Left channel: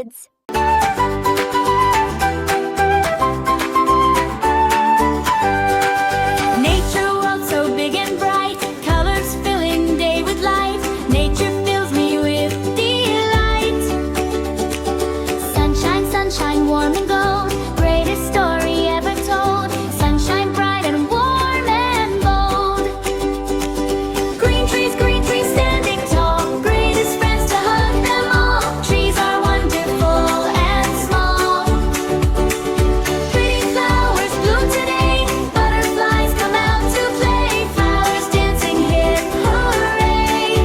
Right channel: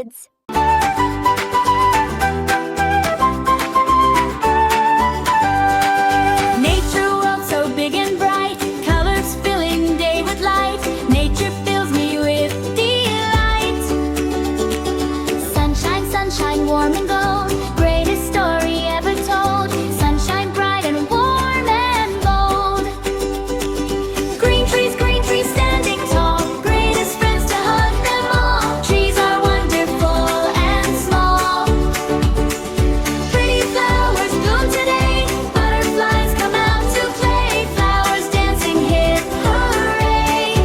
Kids. Nature world so big and bright, colors filling day with light. Nature fills me with delight. Sunshine, sunshine, warm and gold, greatest story ever told. Sunshine bright and warm and bold. Green trees standing tall, greatest friends to hug them all. Trees are wonderful and small. Pretty flowers bloom today, butterflies come out to play. Flowers dancing, hip hooray.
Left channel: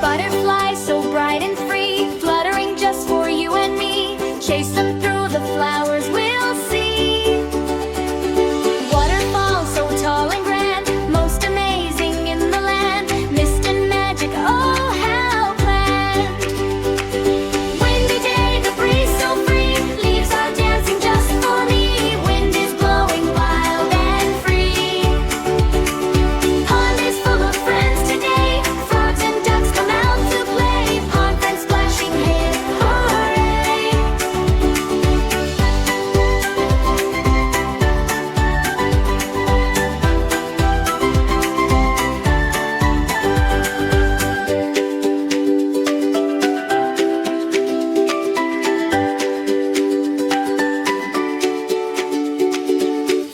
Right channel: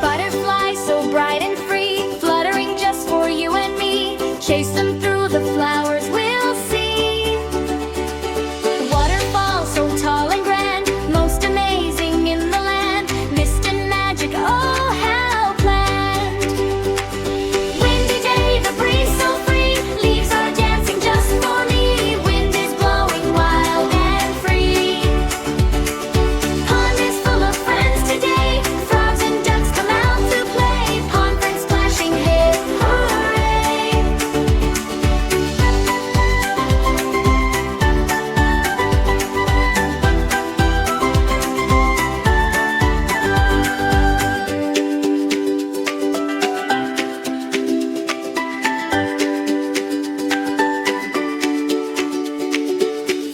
Butterflies so bright and free, fluttering just for you and me. Chase them through the flowers we'll see. Waterfall so tall and grand, most amazing in the land. Mist and magic, oh how planned. Windy day, the breeze so free, leaves are dancing just for me. Wind is blowing wild and free. Pond is full of friends today, frogs and ducks come out to play. Pond friends splashing, hip hooray.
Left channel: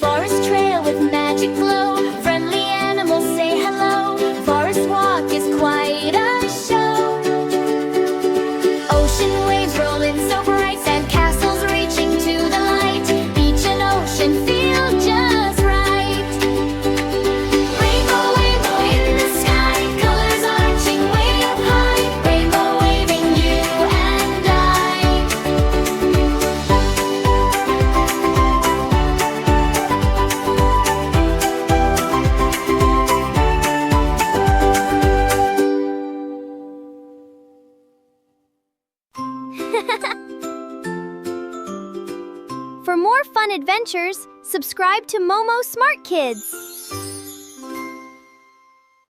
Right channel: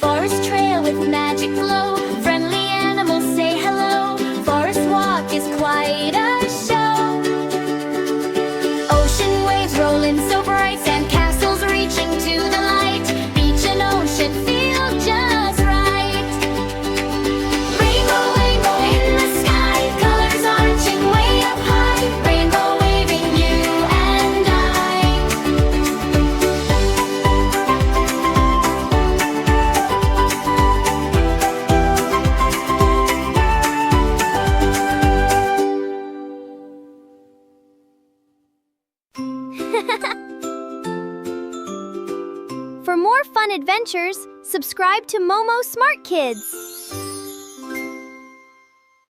Forest trail with magic glow, friendly animals say hello. Forest walk is quite a show. Ocean waves roll in so bright, sandcastles reaching to the light. Beach and ocean feel just right. Rainbow, rainbow in the sky, colors arching way up high. Rainbow waving you and I. For more fun adventures, subscribe to MoMoSmartKids.